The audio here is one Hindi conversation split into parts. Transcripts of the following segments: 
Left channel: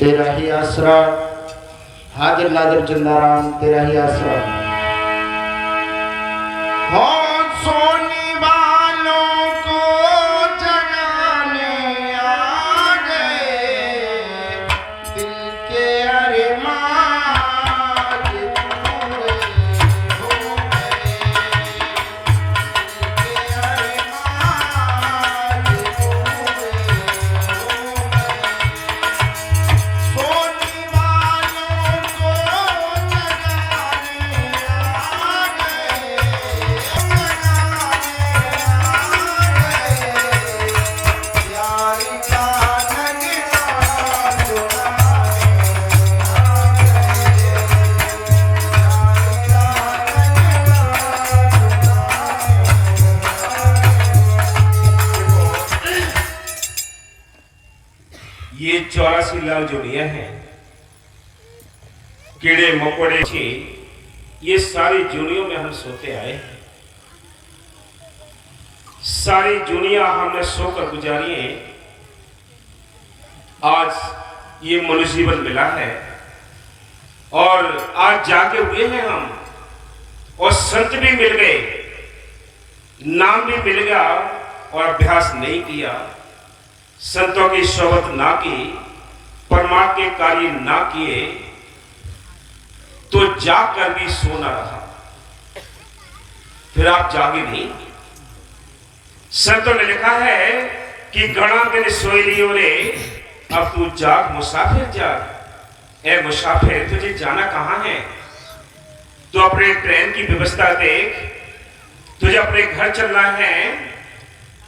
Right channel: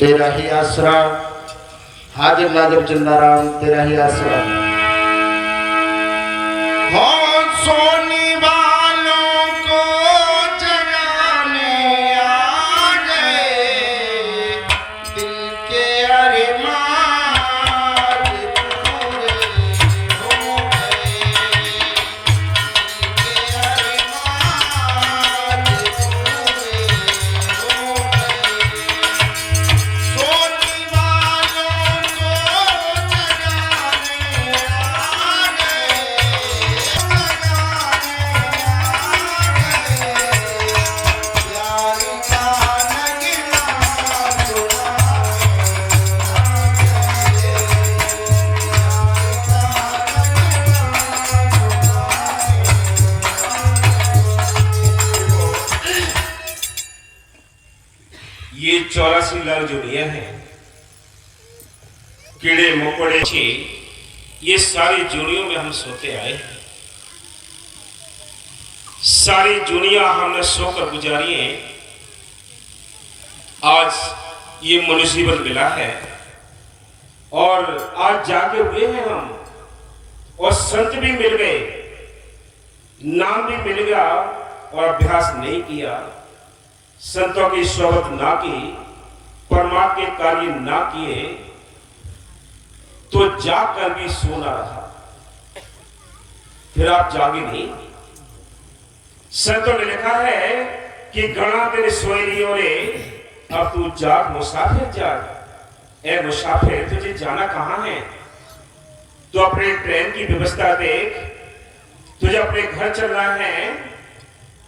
तेरा ही आसरा, हाजिर नाजिर जिंदा राम तेरा ही आसरा। हो सोने वालों को जगाने आ गए, दिल के अरमान पूरे हो गए, दिल के अरमान पूरे हो गए। सोने वालों को जगाने आ गए, यार का नगमा ये 84 लाख जोड़ियां हैं, कीड़े मकोड़े ये सारी जोड़ियों में हम सोते आए हैं। सारी दुनिया हमने सोकर गुजारी है। आज ये मनुष्य जीवन मिला है और आज जागे हुए हैं हम, और संत भी मिल गए, नाम भी मिल गया, और अभ्यास नहीं किया, संतों की सोबत ना की, परमात्मा के कार्य ना किए, तो जाकर भी सोना रहा, फिर आप जागे नहीं। संतों ने लिखा है कि गणा दिन सोई लियो रे, अब तू जाग मुसाफिर जाग। ए मुसाफिर, तुझे जाना कहां है? तो अपने ट्रेन की व्यवस्था देख, तुझे अपने घर चलना है,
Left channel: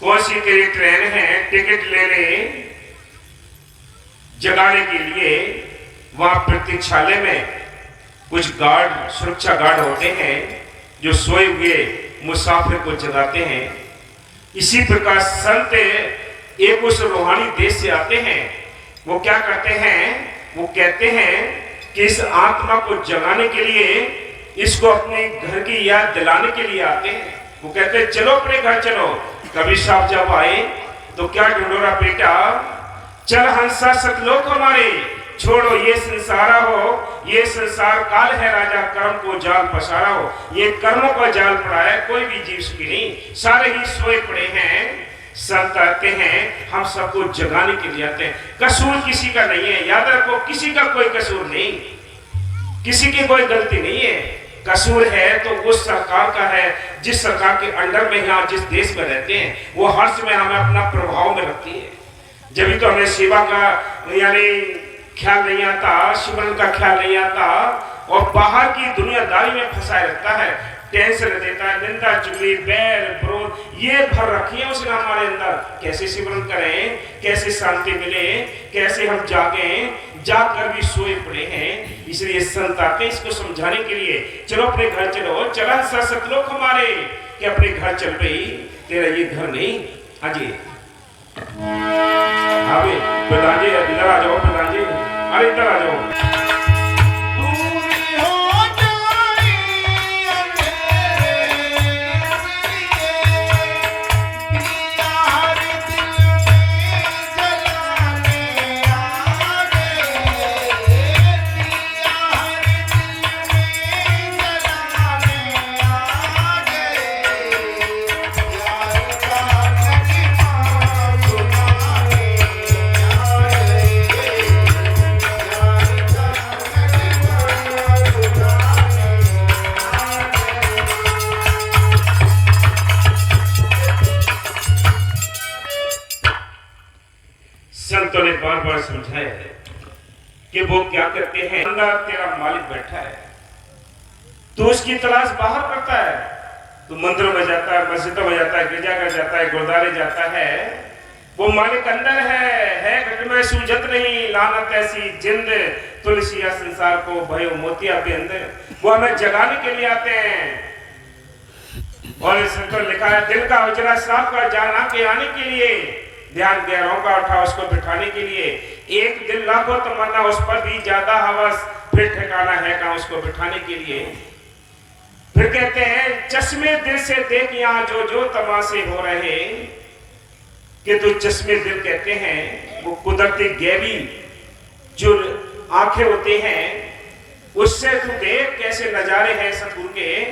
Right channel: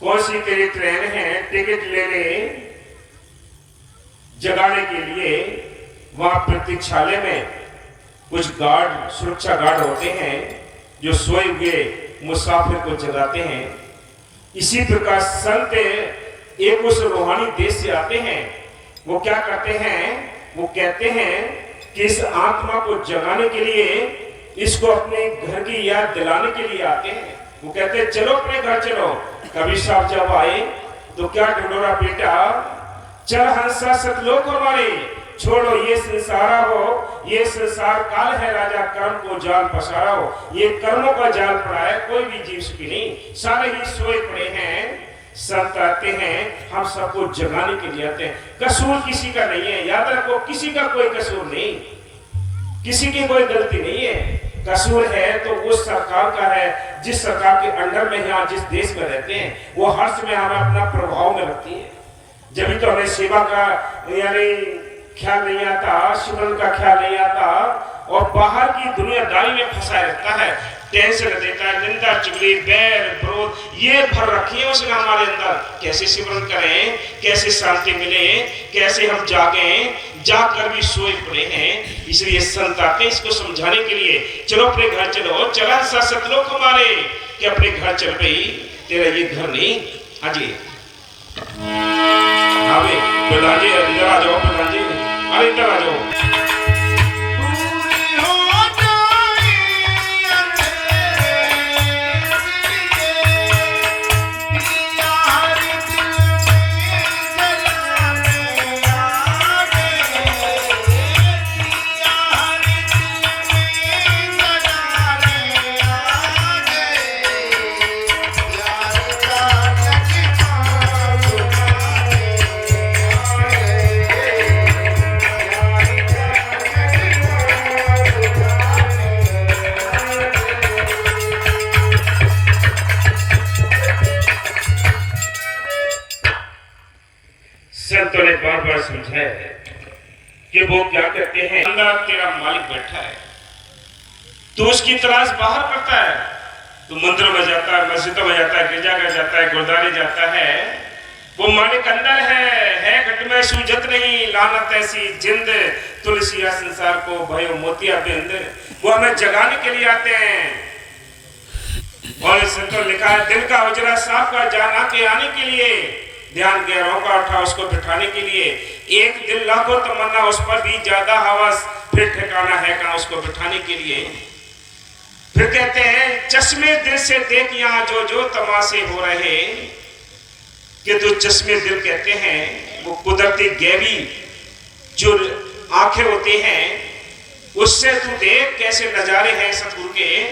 कौन सी तेरी ट्रेन है, टिकट ले ले। जगाने के लिए वहां प्रतीक्षालय में कुछ गार्ड, सुरक्षा गार्ड होते हैं जो सोए हुए मुसाफिर को जगाते हैं। इसी प्रकार संत एक उस रूहानी देश से आते हैं, वो क्या करते हैं, वो कहते हैं कि इस आत्मा को जगाने के लिए, इसको अपने घर की याद दिलाने के लिए आते हैं। वो कहते हैं चलो अपने घर चलो। कबीर साहब जब आए तो क्या ढूंढोरा बेटा, चल हंसा सतलोक हमारे, छोड़ो ये संसारा हो, ये संसार काल है राजा, कर्म को जाल पसारा हो। ये कर्मों का जाल पड़ा है, कोई भी जीव सुखी नहीं, सारे ही सोए पड़े हैं। संत आते हैं, हम सबको जगाने के लिए आते हैं। कसूर किसी का नहीं है, याद रखो, किसी का कोई कसूर नहीं, किसी की कोई गलती नहीं है। कसूर है तो उस सरकार का है जिस सरकार के अंडर में यहाँ जिस देश में रहते हैं, वो हर समय हमें अपना प्रभाव में रखती है। जब तो हमें सेवा का यानी ख्याल नहीं आता, सिमरन का ख्याल नहीं आता, और बाहर की दुनियादारी में फंसाए रखता है, टेंशन देता है, निंदा चुगली बैर विरोध ये भर रखी है उसने हमारे अंदर। कैसे सिमरन करें, कैसे शांति मिले, कैसे हम जागें, जाकर भी सोए पड़े हैं। इसलिए संत आते इसको समझाने के लिए, चलो अपने घर चलो, चला सा सतलोक हमारे, कि अपने घर चल पई, तेरा ये घर नहीं। हाँ जी, हाँ भाई प्रधान जी इधर आ जाओ, प्रधान जी अरे इधर आ जाओ। संतों ने बार बार समझाया है कि वो क्या कहते हैं, अंदर तेरा मालिक बैठा है, तो उसकी तलाश बाहर करता है। तो मंदिर में जाता है, मस्जिदों में जाता है, गिरजाघर जाता है, गुरुद्वारे जाता है, वो मालिक अंदर है घट में सूझत नहीं, लानत ऐसी जिंद तुलसिया संसार को भयो मोतिया के अंदर। वो हमें जगाने के लिए आते हैं। और संतों लिखा है, दिल का उजरा साफ कर जाना के आने के लिए, ध्यान गहरों का उठा उसको बिठाने के लिए। एक दिल लाखों तमन्ना, उस पर भी ज्यादा हवस, फिर ठिकाना है कहां उसको बिठाने के लिए। फिर कहते हैं, चश्मे दिल से देख यहाँ जो जो तमाशे हो रहे, कि तो चश्मे दिल कहते हैं वो कुदरती गैबी जो आंखें होती हैं उससे तू देख कैसे नजारे हैं सतगुरु के,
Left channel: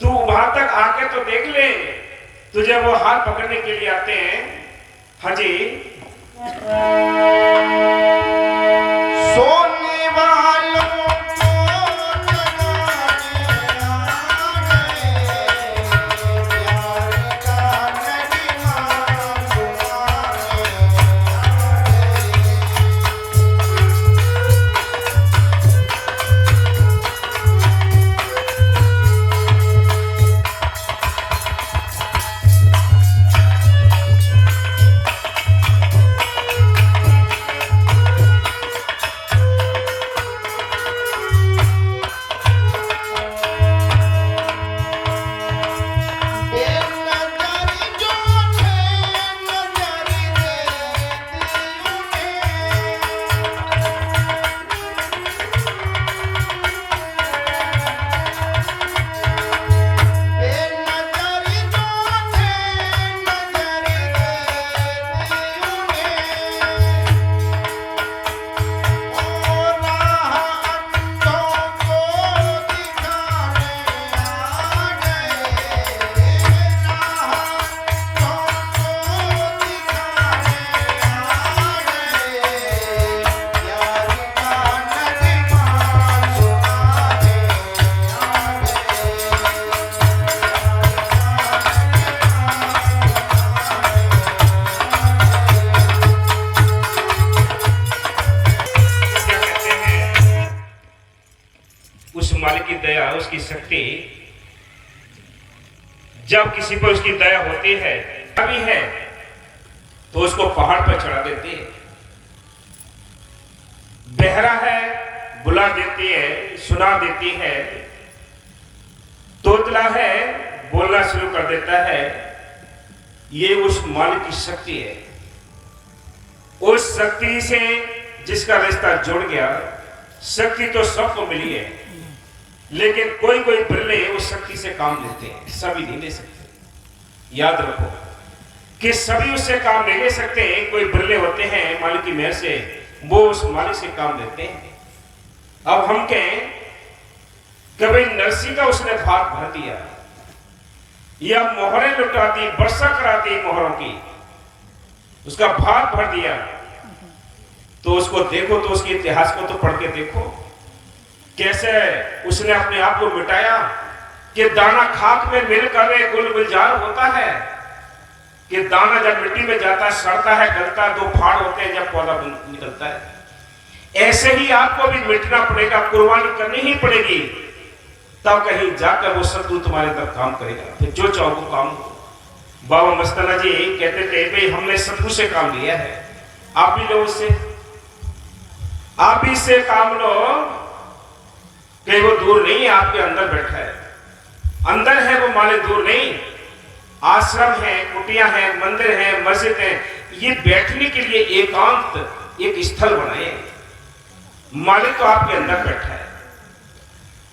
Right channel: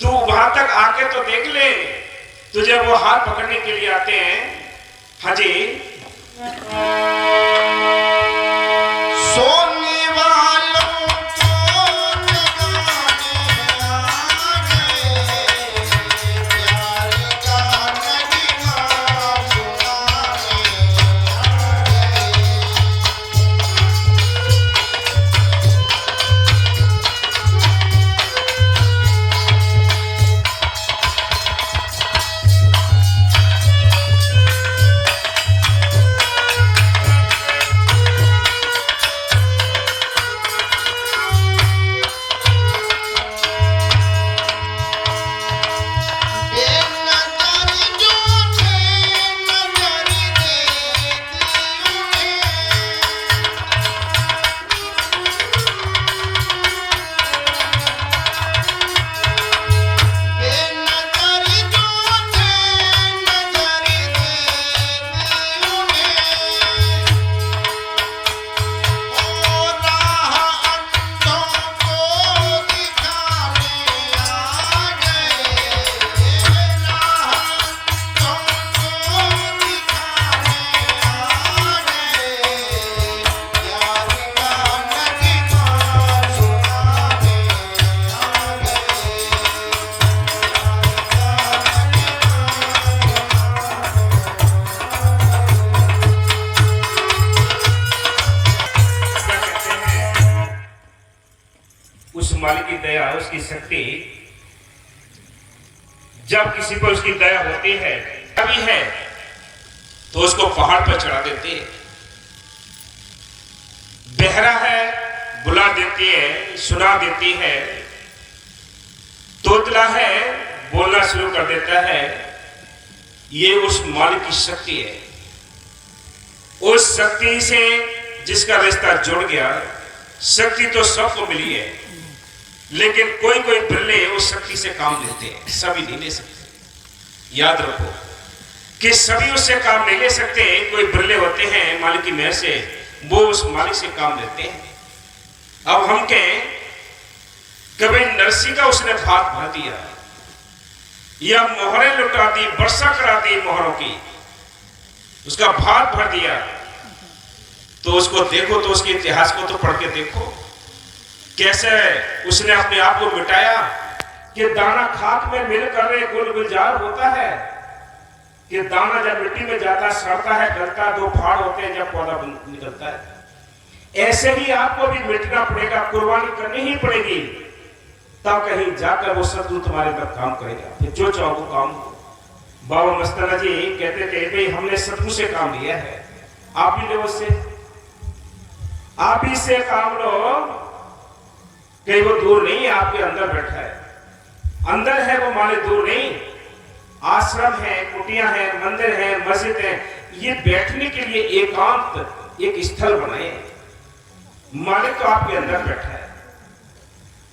तू वहां तक आके तो देख ले। तुझे वो हाथ पकड़ने के लिए आते हैं। हाजी सोने वालों को जगाने आ गए, प्यार का नगमा सुनाने उस मालिक की दया, उसकी शक्ति, जब किसी पर उसकी दया होती है कभी है तो उसको पहाड़ पर चढ़ा देती है। बहरा है बुला देती है, सुना देती है। तोतला है बोलना शुरू कर देता है। ये उस मालिक की शक्ति है। उस शक्ति से जिसका रिश्ता जुड़ गया, शक्ति तो सबको मिली है, लेकिन कोई कोई बिरले उस शक्ति से काम लेते हैं, सभी नहीं ले सकते। याद रखो कि सभी उससे काम नहीं ले सकते। कोई बिरले होते हैं मालिक की मेहर से, वो उस मालिक से काम लेते हैं। अब हम कहें कि भाई नरसी का उसने भात भर दिया या मोहरें लुटा दी, वर्षा करा दी मोहरों की, उसका भात भर दिया, तो उसको देखो, तो उसके इतिहास को तो पढ़ के देखो कैसे उसने अपने आप को मिटाया। कि दाना खाक में मिलकर गुल गुलजार होता है, कि दाना जब मिट्टी में जाता है सड़ता है, गलता है, दो फाड़ होते हैं जब पौधा निकलता है। ऐसे ही आपको भी मिटना पड़ेगा, कुर्बानी करनी ही पड़ेगी, तब कहीं जाकर वो सतगुरु तुम्हारे अंदर काम करेगा। फिर जो चाहो वो काम हो। बाबा मस्ताना जी कहते थे भाई हमने सतगुरु से काम लिया है, आप भी लो उससे, आप भी इससे काम लो। कहीं वो दूर नहीं है, आपके अंदर बैठा है, अंदर है वो मालिक, दूर नहीं। आश्रम है, कुटिया है, मंदिर है, मस्जिद है, ये बैठने के लिए एकांत एक स्थल बनाए। मालिक तो आपके अंदर बैठा है,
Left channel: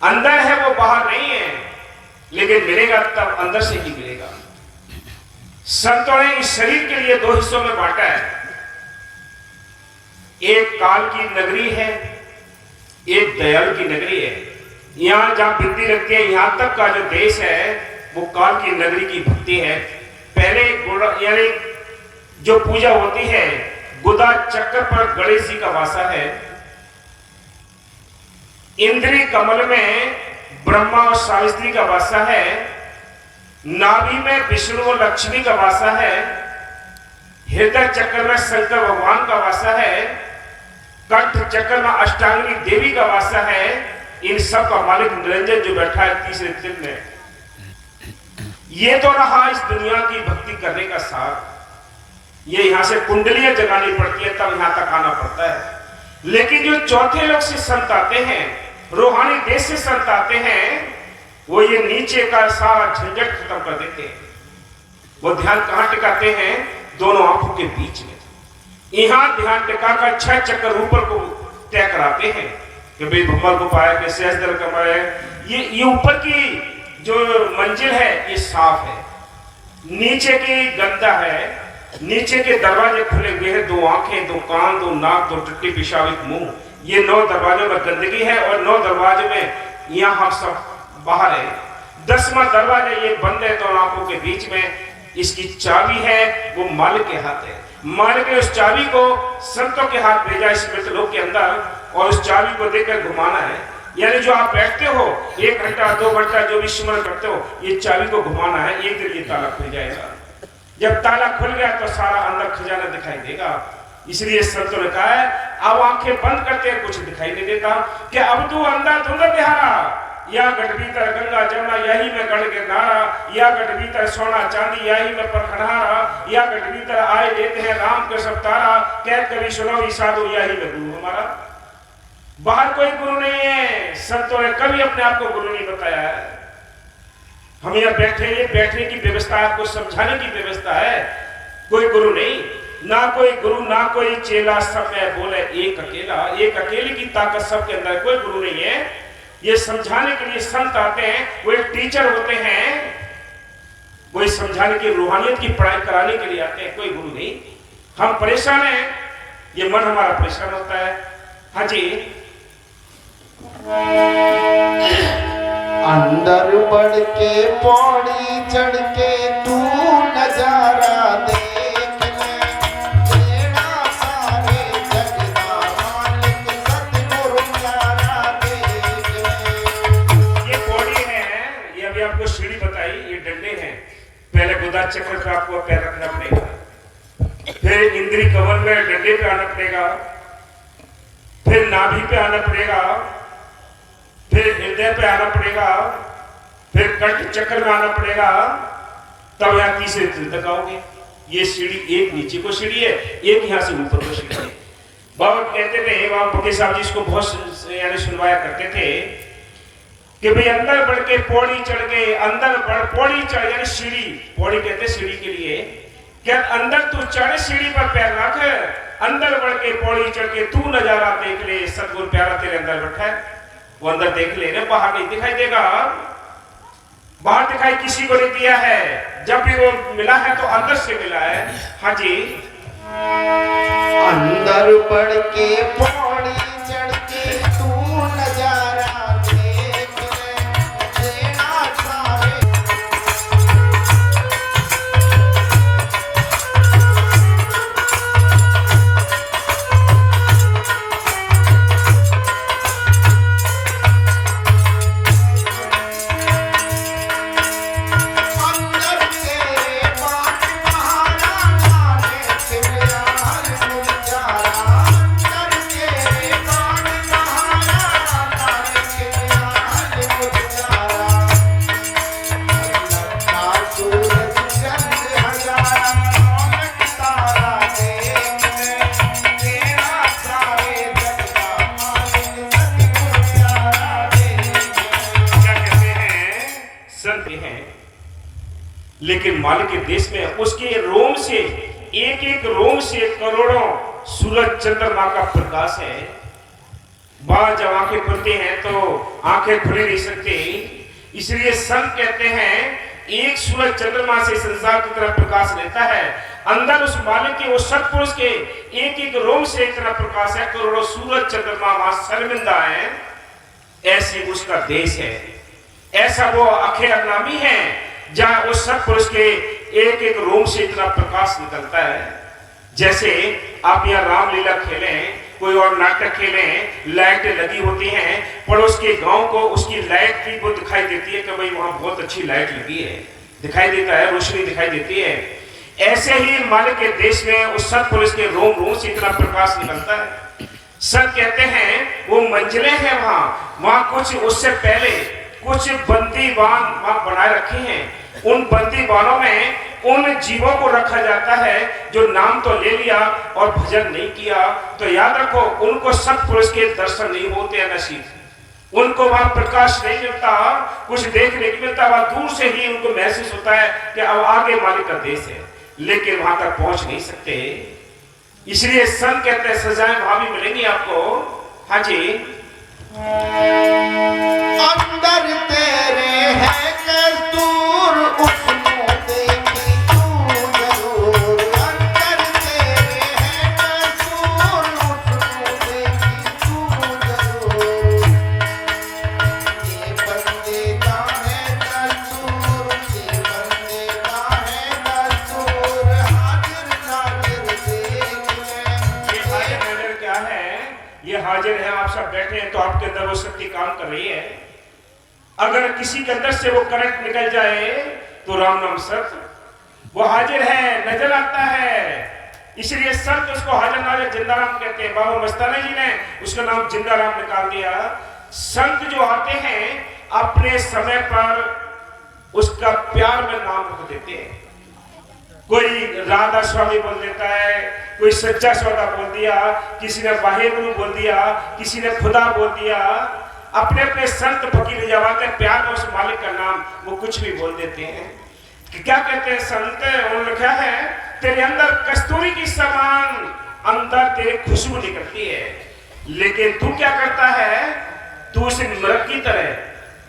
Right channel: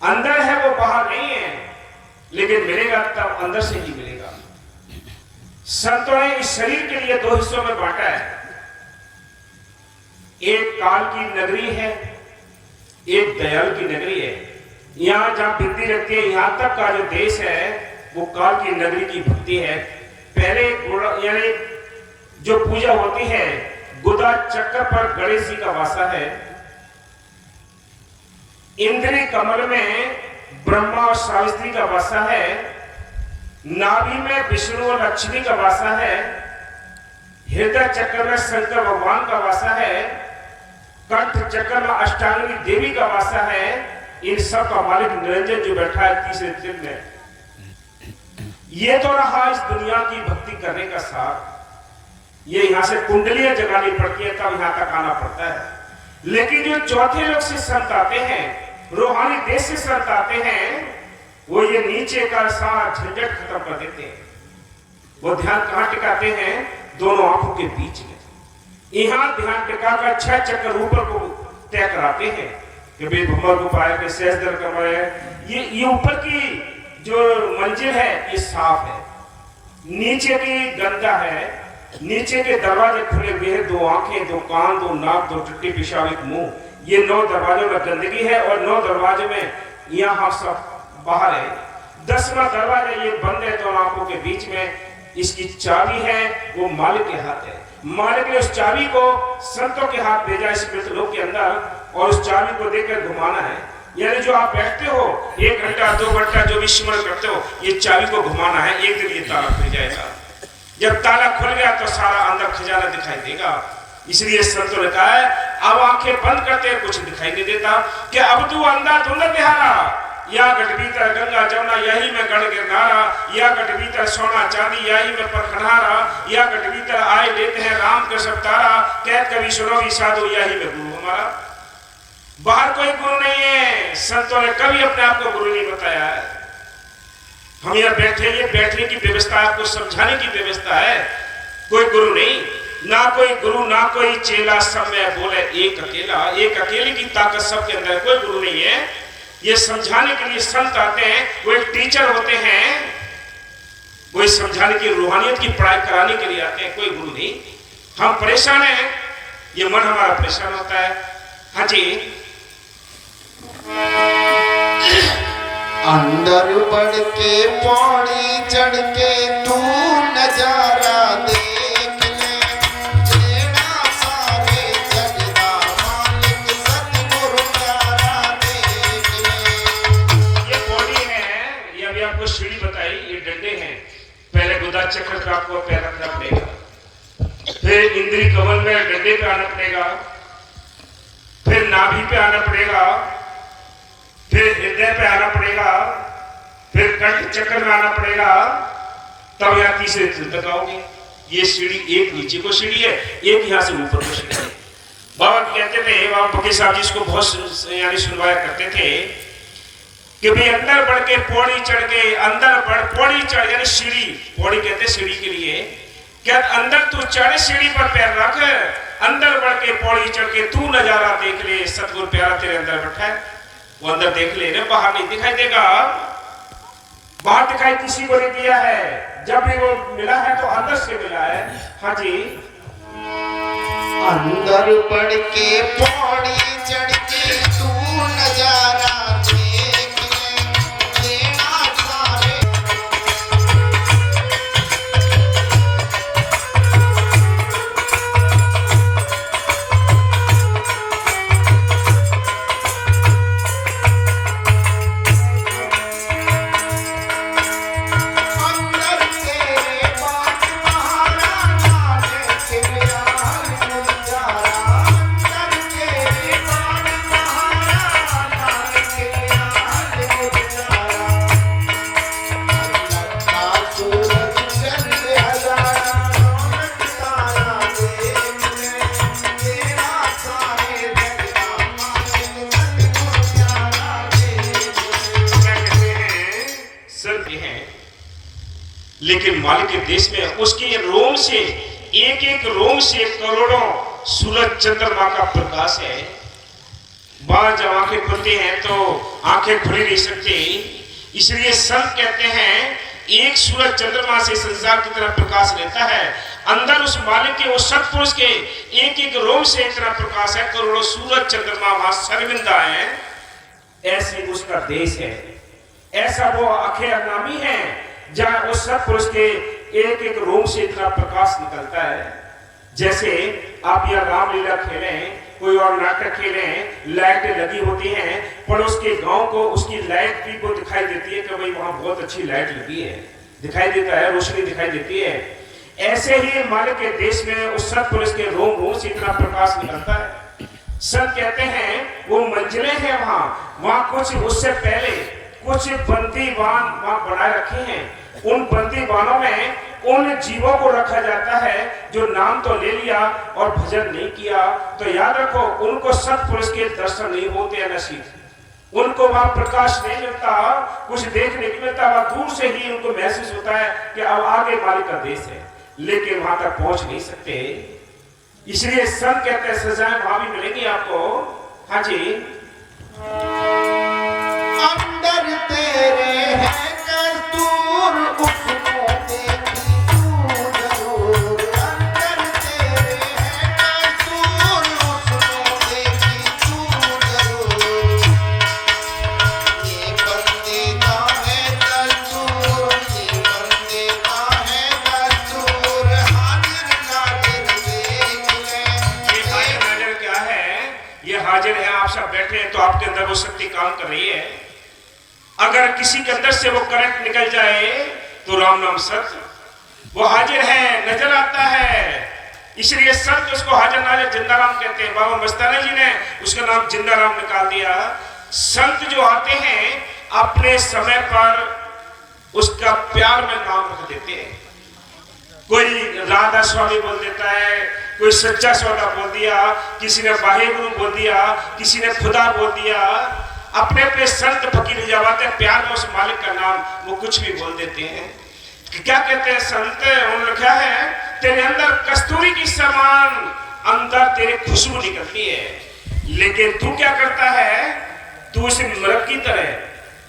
अंदर है वो, बाहर नहीं है, लेकिन मिलेगा तब अंदर से ही मिलेगा। संतों ने इस शरीर के लिए दो हिस्सों में बांटा है। एक काल की नगरी है, एक दयालु की नगरी है। यहां जहां भक्ति रखते हैं, यहां तक का जो देश है वो काल की नगरी की भक्ति है। पहले यानी जो पूजा होती है गुदा चक्र पर गणेश जी का वासा है। इंद्री कमल में ब्रह्मा और सावित्री का वासा है। नाभि में विष्णु और लक्ष्मी का वासा है। हृदय चक्र में शंकर भगवान का वासा है। कंठ चक्र में अष्टांगी देवी का वासा है। इन सब का मालिक निरंजन जो बैठा है तीसरे दिल में। ये तो रहा इस दुनिया की भक्ति करने का सार। ये यहां से कुंडलियां जगानी पड़ती है, तब यहां तक आना पड़ता है। लेकिन जो चौथे लोग से संत आते हैं, रूहानी देश से संत आते हैं, वो ये नीचे का सारा झंझट खत्म कर देते हैं। वो ध्यान कहां टिकाते हैं? दोनों आंखों के बीच में। यहां ध्यान टिकाकर 6 चक्कर ऊपर को तय कराते हैं कि भाई भम्मल को पाया कि सहज दल कमाए। ये ऊपर की जो मंजिल है ये साफ है, नीचे की गंदा है, नीचे के दरवाजे खुले हुए हैं, 2 आंखें, 2 कान, 2 नाक, 2 टट्टी, पेशाब, एक मुंह। ये 9 दरवाजों में गंदगी है और 9 दरवाजों में यहाँ हम सब बाहर है। 10वां दरवाजा ये बंद है 2 आंखों के बीच में। इसकी चाबी है, वो मालिक के हाथ है। मालिक ने उस चाबी को संतों के हाथ भेजा इस मृतलोक के अंदर, और उस चाबी को देकर घुमाना है। यानी जो आप बैठते हो 1 घंटा 2 घंटा जो भी स्मरण करते हो, ये चाबी को घुमाना है, एक दिन ये ताला खुल जाएगा। जब ताला खुल गया तो सारा अंदर खजाना दिखाई देगा। इसलिए संतों ने कहा है अब आंखें बंद करते हैं, कुछ दिखाई नहीं देता, कि अब तू अंधा धुंध बिहारा, या गढ़ भीतर गंगा जमुना यही में गढ़ गिरनारा, या गढ़ भीतर सोना चांदी यही में परखनहारा, या गढ़ भीतर आए लेते हैं राम के सब तारा, कह कभी सुनो साधु यही में गुरु हमारा। बाहर कोई गुरु नहीं है। संतों ने कभी अपने आप को गुरु नहीं बताया है। हम यहाँ बैठे, ये बैठने की व्यवस्था आपको समझाने की व्यवस्था है। कोई गुरु नहीं, ना कोई गुरु ना कोई चेला, सब में बोले एक अकेला। एक अकेले की ताकत सबके अंदर, कोई गुरु नहीं है। ये समझाने के लिए संत आते हैं, वो एक टीचर होते हैं, वो समझाने की रूहानियत की पढ़ाई कराने के लिए आते हैं, कोई गुरु नहीं। हम परेशान हैं, ये मन हमारा परेशान होता है। हाँ जी, अंदर बढ़ के पौड़ी चढ़ के तू नजारा देख ले, तेरा सारे जग दा मालिक सतगुरु प्यारा देख ले। ये पौड़ी है, ये अभी आपको सीढ़ी बताई, ये डंडे हैं। पहले गुदा चक्र पे आपको पैर रखना पड़ेगा, फिर इंद्री कमल में डंडे पे आना पड़ेगा, फिर नाभि पे आना पड़ेगा, फिर हृदय पे आना पड़ेगा, फिर कंठ चक्र में आना पड़ेगा, तब यहाँ तीसरे दिल तक आओगे। ये सीढ़ी, एक नीचे को सीढ़ी है, एक यहाँ से ऊपर को सीढ़ी है। बाबा कहते थे, बाबा बके साहब जी इसको बहुत यानी सुनवाया करते थे कि भाई अंदर बढ़ के पौड़ी चढ़ के, अंदर बढ़ पौड़ी चढ़, यानी सीढ़ी, पौड़ी कहते सीढ़ी के लिए, क्या अंदर तू चढ़, सीढ़ी पर पैर रख, अंदर बढ़ के पौड़ी चढ़ के तू नजारा देख ले, सतगुरु प्यारा तेरे अंदर बैठा है, वो अंदर देख ले, बाहर नहीं दिखाई देगा। बाहर दिखाई किसी को नहीं दिया है, जब भी वो मिला है तो अंदर से मिला है। हाँ जी, अंदर बढ़ के पौड़ी चढ़ के तू नजारा देख ले, तेरा सारे लेकिन मालिक के देश में उसके रोम से, एक एक रोम से करोड़ों सूरज चंद्रमा का प्रकाश है। बाहर जब आंखें खुलती हैं तो आंखें खुली नहीं सकती, इसलिए संत कहते हैं एक सूरज चंद्रमा से संसार की तरफ प्रकाश लेता है। अंदर उस मालिक के, उस सत्पुरुष के एक एक रोम से इतना प्रकाश है, करोड़ों सूरज चंद्रमा वहां शर्मिंदा है। ऐसे उसका देश है, ऐसा वो अखेर नामी है जहां उस सत्पुरुष के एक एक रोम से इतना प्रकाश निकलता है। जैसे आप यहाँ रामलीला खेलें, कोई और नाटक खेलें, लाइटें लगी होती हैं, पड़ोस के गांव को उसकी लाइट की को दिखाई देती है कि भाई वहां बहुत अच्छी लाइट लगी है, दिखाई देता है, रोशनी दिखाई देती है। ऐसे ही मालिक के देश में उस सत्पुरुष के रोम रोम से इतना प्रकाश निकलता है। संत कहते हैं वो मंजिलें हैं वहां कुछ उससे पहले कुछ बंदीवान वहां बनाए रखे हैं। उन बंदीवानों में उन जीवों को रखा जाता है जो नाम तो ले लिया और भजन नहीं किया। तो याद रखो, उनको सत्पुरुष के दर्शन नहीं होते हैं नसीब, उनको वहां प्रकाश नहीं मिलता, कुछ देखने को मिलता, वहां दूर से ही उनको महसूस होता है कि अब आगे मालिक का देश है, लेकिन वहां तक पहुंच नहीं सकते। इसलिए संत कहते हैं सजाएं वहां भी मिलेंगी आपको। हाँ जी, अंदर तेरे है कस्तूर, उसको देखी तू जरूर। ये हाजिर हैं, आप सब बैठे हैं, तो आपके अंदर वो शक्ति काम कर रही है। अगर किसी के अंदर से वो करंट निकल जाए तो राम नाम सत्य वो हाजिर है, नजर आता है। इसलिए संत उसको हाजिर नाजिर जिंदा राम कहते हैं। बाबा मस्ताना जी ने उसका नाम जिंदा राम निकाल दिया। संत जो आते हैं अपने समय पर उसका प्यार में नाम रख देते हैं। कोई राधा स्वामी बोल देता है, कोई सच्चा सौदा बोल दिया, किसी ने वाहेगुरु बोल दिया, किसी ने खुदा बोल दिया। अपने अपने संत फकीर जवाते प्यार में उस मालिक का नाम वो कुछ भी बोल देते हैं। क्या कहते हैं संत? उन्होंने लिखा है तेरे अंदर कस्तूरी की समान अंदर तेरी खुशबू निकलती है, लेकिन तू क्या करता है? तू उस मृग की तरह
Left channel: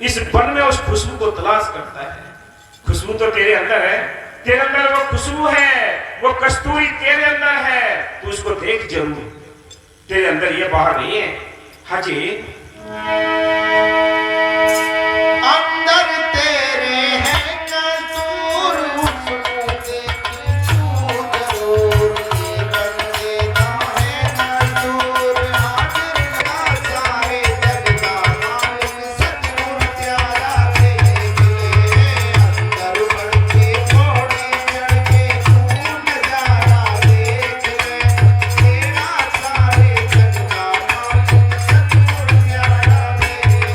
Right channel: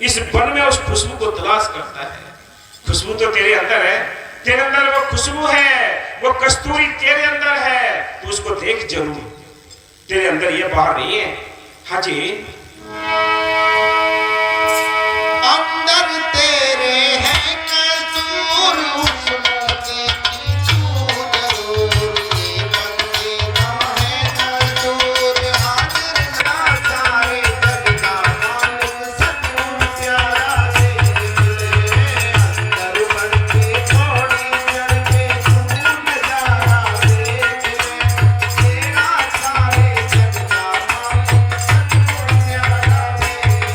इस वन में उस खुशबू को तलाश करता है। खुशबू तो तेरे अंदर है, तेरे अंदर वो खुशबू है, वो कस्तूरी तेरे अंदर है, तू उसको देख जरूर, तेरे अंदर ये बाहर नहीं है। हाँ जी, अंदर तेरे है कसूर, उसको देखी तू जरूर। ये बच्चे दम है मजदूर, हाजिर ना सारे जग का मालिक सतगुरु प्यारा देख ले। अंदर बढ़ के घोड़े चढ़ के तू नजारा देख ले। तेरा सारे जग का मालिक सतगुरु प्यारा देख ले।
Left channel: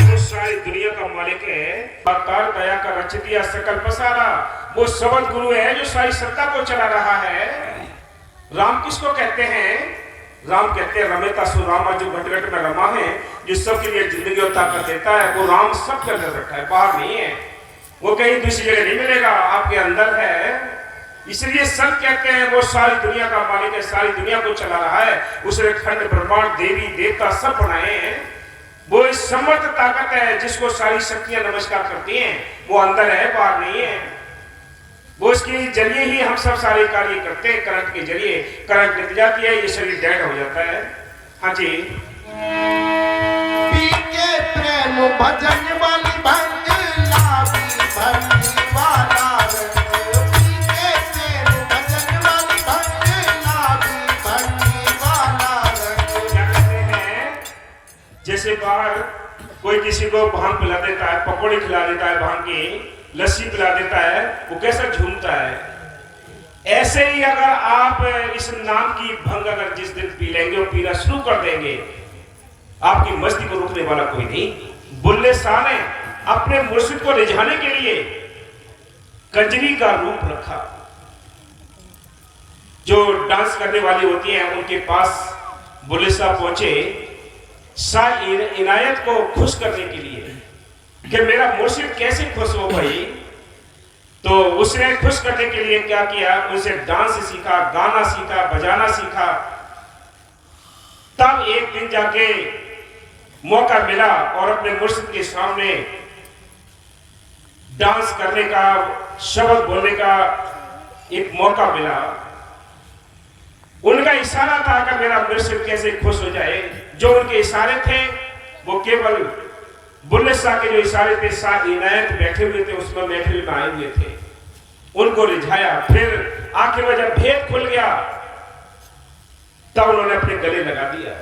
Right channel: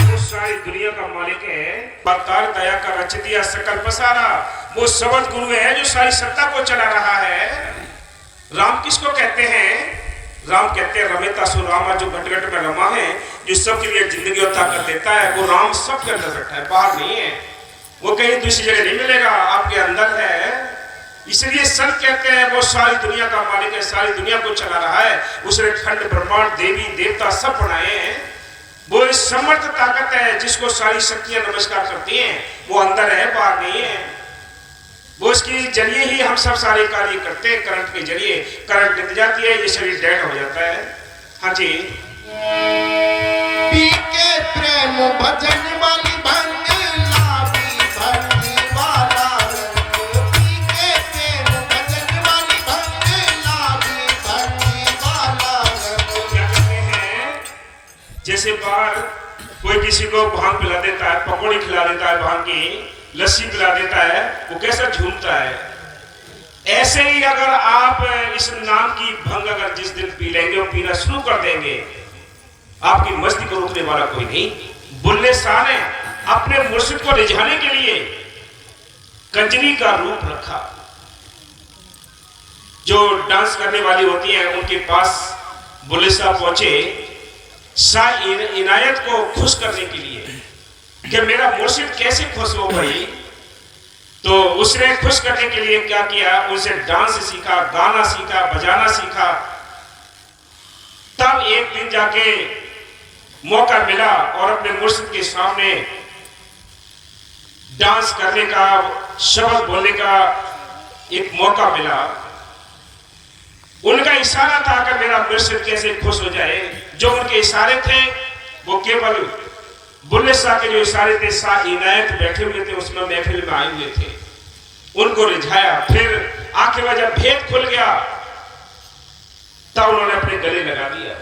वो सारी दुनिया का मालिक है, अवतार दया का रच दिया सकल पसारा। वो सबद गुरु है जो सारी सत्ता को चला रहा है। राम किसको कहते हैं? राम कहते हैं रमेता सो रामा, जो घट घट में रमा है, जो सबके लिए जिंदगी और ताकत देता है। वो राम सबके अंदर बैठा है, बाहर नहीं है। वो कहीं दूसरी जगह नहीं मिलेगा, आपके अंदर है। इसलिए संत कहते हैं वो सारी दुनिया का मालिक है, सारी दुनिया को चला रहा है। उसने खंड ब्रह्मांड देवी देवता सब बनाए हैं। वो इस समर्थ ताकत है जिसको सारी शक्तियां नमस्कार करती हैं। वो अंदर है, बाहर नहीं है। वो उसके जरिए ही हम सब सारे कार्य करते हैं। करंट के जरिए करंट निकल जाती है, ये शरीर डेड हो जाता है। हाँ जी, पी के प्रेम भजन वाली भंग लागी भंगी वाला रंग। पी के प्रेम भजन वाली भंग लागी भंगी वाला रंग। क्या कहते हैं? जैसे बाहर कोई किसी को भांग पिला देता है, पकौड़ी खिला देता है, भांग की लस्सी पिला देता है, वो कैसा झूमता है। ऐसे ही अगर आप इस नाम की भंग अगर जिस दिन पी लेंगे और पीना शुरू कर देंगे, आपकी मस्ती को रोकने वाला कोई नहीं। बुल्ले शाह ने अपने मुर्शिद को रिझाने के लिए कंजरी का रूप रखा। जो डांस करने वाली होती हैं उनके पास बुल्ले शाह पहुंचे शाह इनायत को खुश करने के लिए कि मेरा मुर्शिद कैसे खुश हो भाई। तो उसने खुश करने के लिए क्या किया? उनसे डांस सीखा, गाना सीखा, बजाना सीखा। तब एक दिन जाके मौका मिला और अपने मुर्शिद के सामने डांस करने का, शब्द बोलने का एक मौका मिला। उनका इशारा था कि मेरा मुर्शिद कैसे खुश हो जाए। जो उनके इशारे थे वो केवल बुल्ले शाह के जो इशारे थे, शाह इनायत बैठे हुए थे उसमें महफिल में आए हुए थे, उनको रिझाया। फिर आखिर में जब भेद खुल गया तब उन्होंने अपने गले लगा दिया।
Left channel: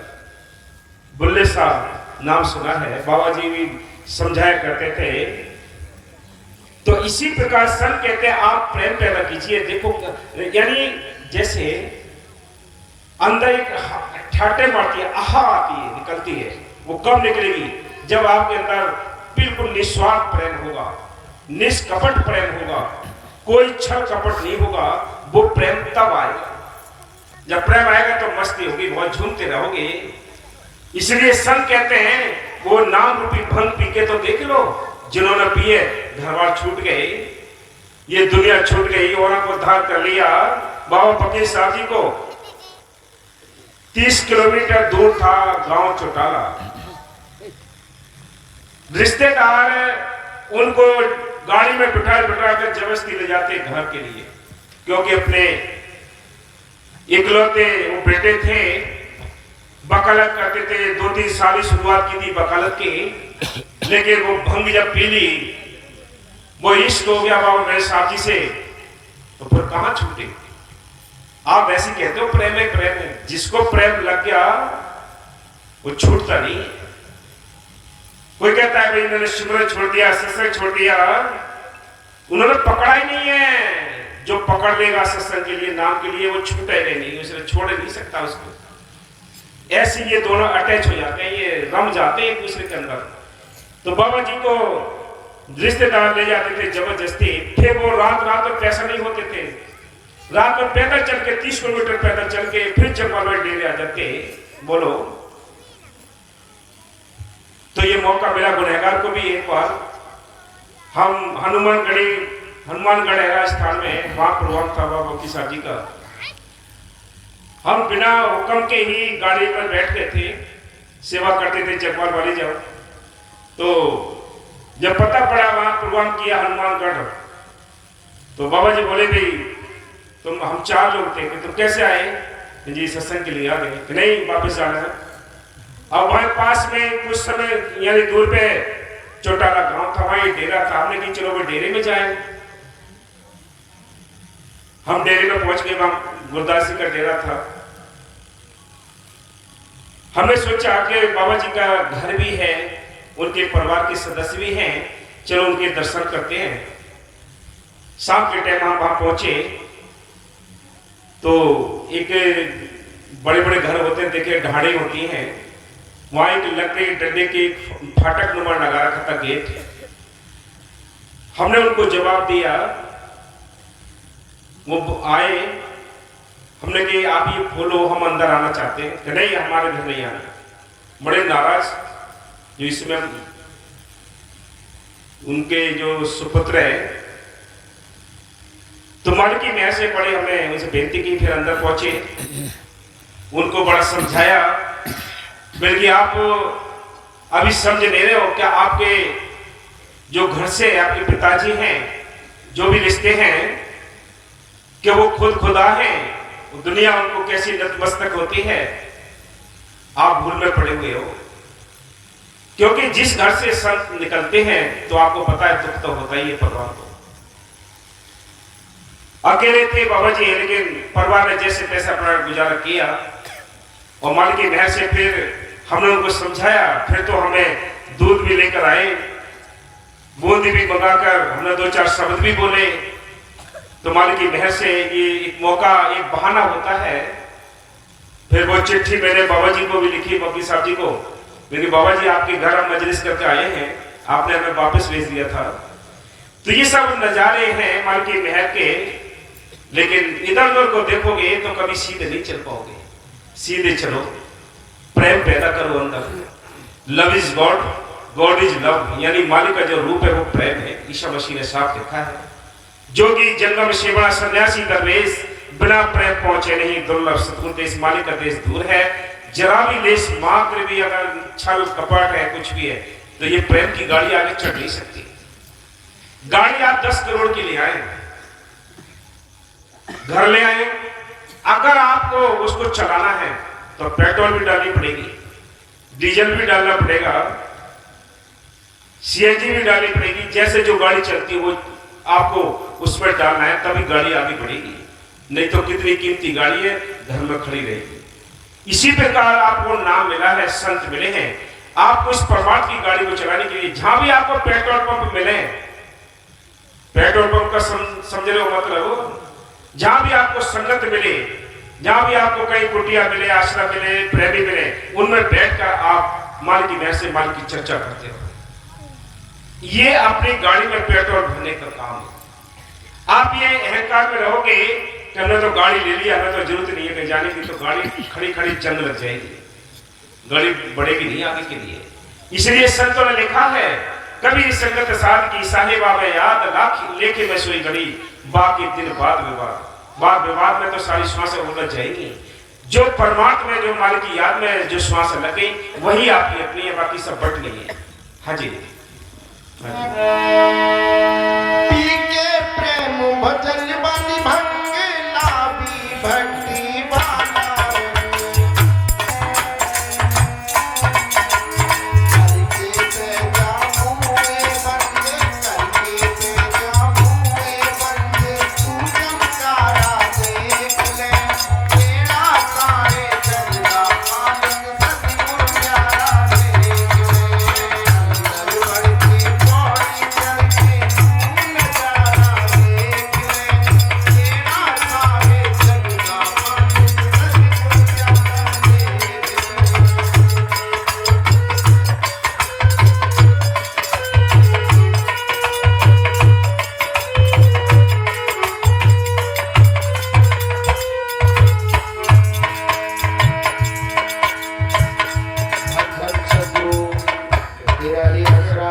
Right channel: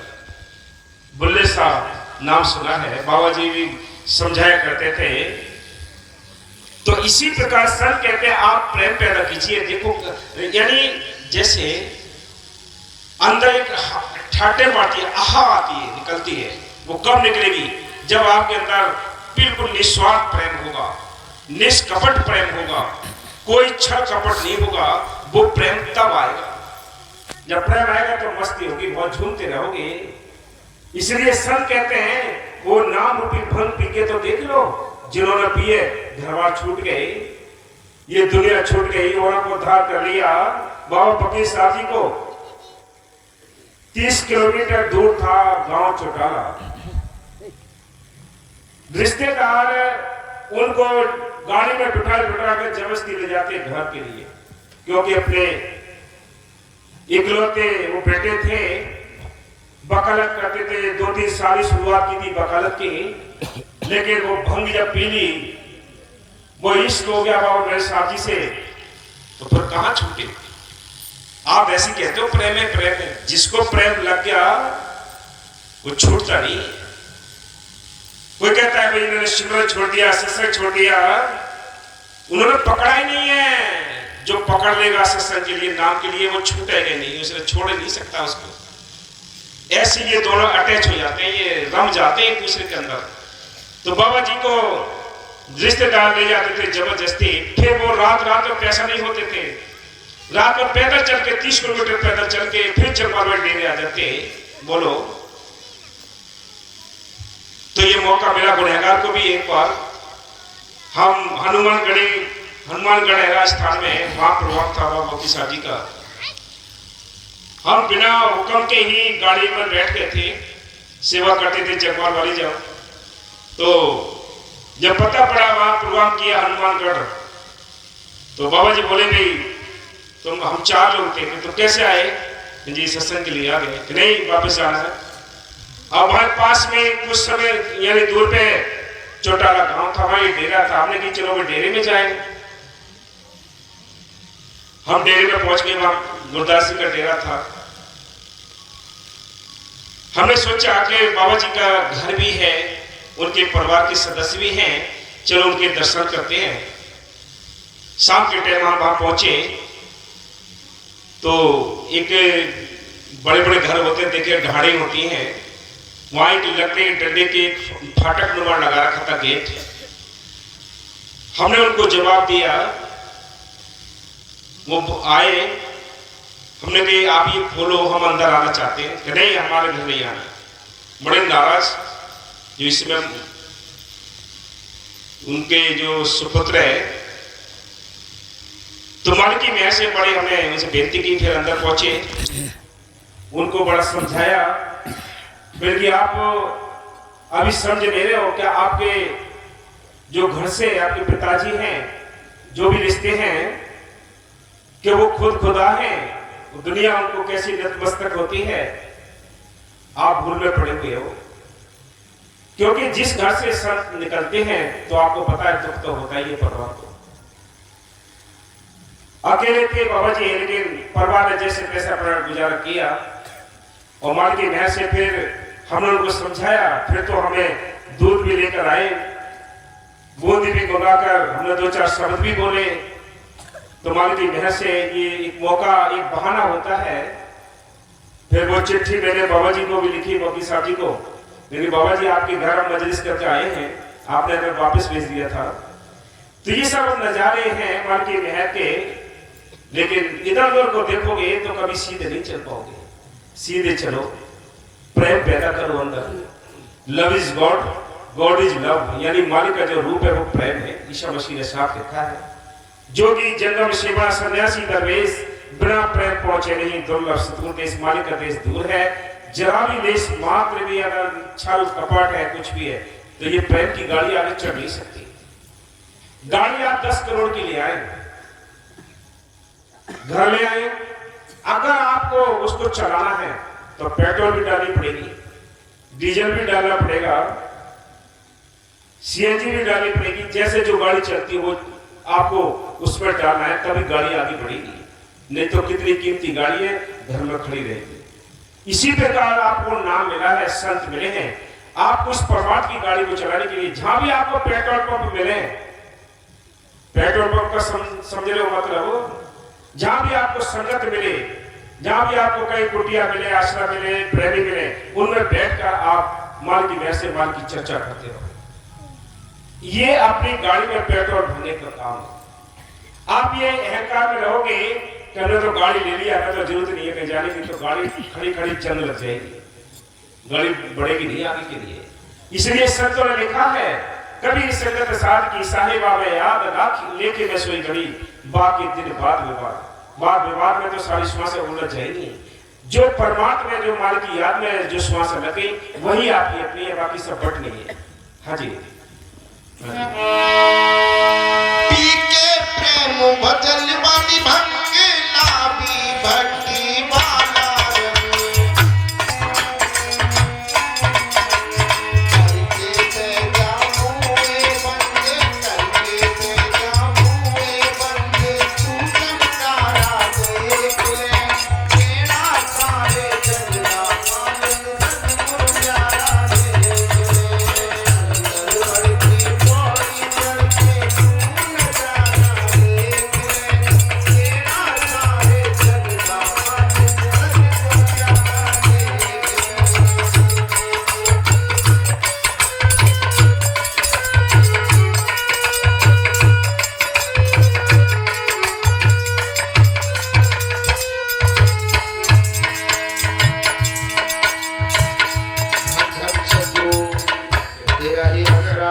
बुल्ले शाह नाम सुना है, बाबा जी भी समझाया करते थे। तो इसी प्रकार संत कहते हैं आप प्रेम पैदा कीजिए। देखो, यानी जैसे अंदर एक ठाटे मारती है, आहा आती है, निकलती है। वो कब निकलेगी? जब आपके अंदर बिल्कुल निस्वार्थ प्रेम होगा, निष्कपट प्रेम होगा, कोई छल कपट नहीं होगा। वो प्रेम तब आएगा। जब प्रेम आएगा तो मस्ती होगी, बहुत झूमते रहोगे। इसलिए संत कहते हैं वो नाम रूपी भंग पी के तो देख लो। जिन्होंने पिए घरवार छूट गए, ये दुनिया छूट गई, औरों को उद्धार कर लिया। बाबा फकीर साहब जी को 30 किलोमीटर दूर था गांव चौटाला। रिश्तेदार उनको गाड़ी में बिठा कर जबरदस्ती ले जाते घर के लिए, क्योंकि अपने इकलौते वो बेटे थे। वकालत करते थे, 2-3 साल ही शुरुआत की थी वकालत की, लेकिन वो भंग जब पी ली, वो इश्क हो गया बाबा मेरे साहब जी से, तो फिर कहां छूटे। आप ऐसे कहते हो प्रेम है, प्रेम है, जिसको प्रेम लग गया वो छूटता नहीं। कोई कहता है भाई इन्होंने सिमरन छोड़ दिया, सत्संग छोड़ दिया, उन्होंने पकड़ा ही नहीं है। जो पकड़ लेगा सत्संग के लिए, नाम के लिए, वो छूटेगा नहीं, उसे छोड़ नहीं सकता उसको। ऐसे ये दोनों अटैच हो जाते हैं, ये रम जाते हैं एक दूसरे के अंदर। तो बाबा जी को रिश्तेदार ले जाते थे जबरदस्ती, फिर वो रात रात में पैसा नहीं होते थे, रात में पैदल चल के 30 किलोमीटर पैदल चल के फिर चंपारण डेरे आ जाते। बोलो, तो ये मौका मिला गुनहगार को भी। एक बार हम हनुमानगढ़ राजस्थान में, वहां प्रोग्राम था बाबा मोती साहब जी का। हम बिना हुक्म के ही गाड़ी पर बैठ गए थे, सेवा करते थे चकवाल वाली जब। तो जब पता पड़ा वहां प्रोग्राम किया हनुमानगढ़, तो बाबा जी बोले भाई तुम, हम 4 लोग थे, तो कैसे आए जी? सत्संग के लिए आ गए कि नहीं, वापस जाना है। अब हमारे पास में कुछ समय यानी दूर पे चौटाला गांव था, वहां डेरा था। हमने कहा चलो वो डेरे में जाए। हम डेरे में पहुंच गए, वहां गुरदास जी का डेरा था। हमने सोचा कि बाबा जी का घर भी है, उनके परिवार के सदस्य भी हैं, चलो उनके दर्शन करते हैं। शाम के टाइम हम वहां पहुंचे तो एक बड़े बड़े घर होते हैं, देखिए ढाड़े होती हैं, वहां एक लकड़ी के डंडे के एक फाटक नुमा लगा रखा था गेट। हमने उनको जवाब दिया, वो आए, हमने कहा आप ये खोलो, हम अंदर आना चाहते हैं कि नहीं, हमारे घर नहीं आना। बड़े नाराज, जो इसमें उनके जो सुपुत्र है, तो मालिकी में ऐसे बड़े, हमने उनसे बेनती की, फिर अंदर पहुंचे, उनको बड़ा समझाया, बल्कि आप अभी समझ नहीं रहे हो क्या, आपके जो घर से आपके पिताजी हैं, जो भी रिश्ते हैं, कि वो खुद खुदा हैं, दुनिया उनको कैसी नतमस्तक होती है, आप भूल में पड़े हुए हो। क्योंकि जिस घर से संत निकलते हैं, तो आपको पता है दुख तो होता ही है परिवार को। अकेले थे बाबा जी, लेकिन परिवार ने जैसे तैसे अपना गुजारा किया, और माल की महर से फिर हमने उनको समझाया। फिर तो हमें दूध भी लेकर आए, बूंदी भी मंगाकर, हमने 2-4 शब्द भी बोले। तो माल की महर से ये एक मौका, एक बहाना होता है। फिर वो चिट्ठी मैंने बाबा जी को भी लिखी, मोती साहब जी को, क्योंकि बाबा जी आपके घर हम मजलिस करके आए हैं, आपने हमें वापस भेज दिया था। तो ये सब नजारे हैं माल की महर के, लेकिन इधर उधर को देखोगे तो कभी सीधे नहीं चल पाओगे। सीधे चलो, प्रेम पैदा करो अंदर। Love is God, God is love, यानी मालिक का जो रूप है वो प्रेम है। ईशा मसीह ने साफ लिखा है, जोगी जन्म सेवा सन्यासी दरवेश, बिना प्रेम पहुंचे नहीं दुर्लभ सतगुर देश। मालिक का देश दूर है, जरा भी देश मात्र भी अगर छल कपट है, कुछ भी है, तो ये प्रेम की गाड़ी आगे चढ़ नहीं सकती। गाड़ी आप 10 करोड़ की ले आए, घर ले आए, अगर आपको उसको चलाना है तो पेट्रोल भी डालनी पड़ेगी, डीजल भी डालना पड़ेगा, सीएनजी भी डालनी पड़ेगी। जैसे जो गाड़ी चलती है वो आपको उसमें डालना है, तभी गाड़ी आगे बढ़ेगी। नहीं तो कितनी कीमती गाड़ी है, घर में खड़ी रहेगी। इसी प्रकार आपको नाम मिला है, संत मिले हैं, आपको इस परमात्मा की गाड़ी को चलाने के लिए। जहां भी आपको पेट्रोल पंप मिले, पेट्रोल पंप का समझ रहे हो मतलब, जहां भी आपको संगत मिले, जहां भी आपको कहीं कुटिया मिले, आश्रम मिले, प्रेमी मिले, उनमें बैठकर आप माल की महर से माल की चर्चा करते हो। ये अपनी गाड़ी में पेट्रोल भरने का काम है। आप ये अहंकार में रहोगे कि हमने तो गाड़ी ले लिया, हमें तो जरूरत नहीं है कहीं जाने की, तो गाड़ी खड़ी खड़ी जंग लग जाएगी, गाड़ी बढ़ेगी नहीं आगे के लिए। इसलिए संतों ने लिखा है, कभी संगत साध की साहिबा में याद लाख लेके मैं सोई घड़ी, बाकी दिन बाद विवाद में तो सारी श्वासें उलझ जाएंगी। जो परमात्मा में, जो मालिक की याद में जो श्वास लगे, वही आपकी अपनी है, बाकी सब बट गई है। हाँ जी, पी के प्रेम भजन वाली भंग लाभी भक्ति वाला रंग। गिरहि मथुरा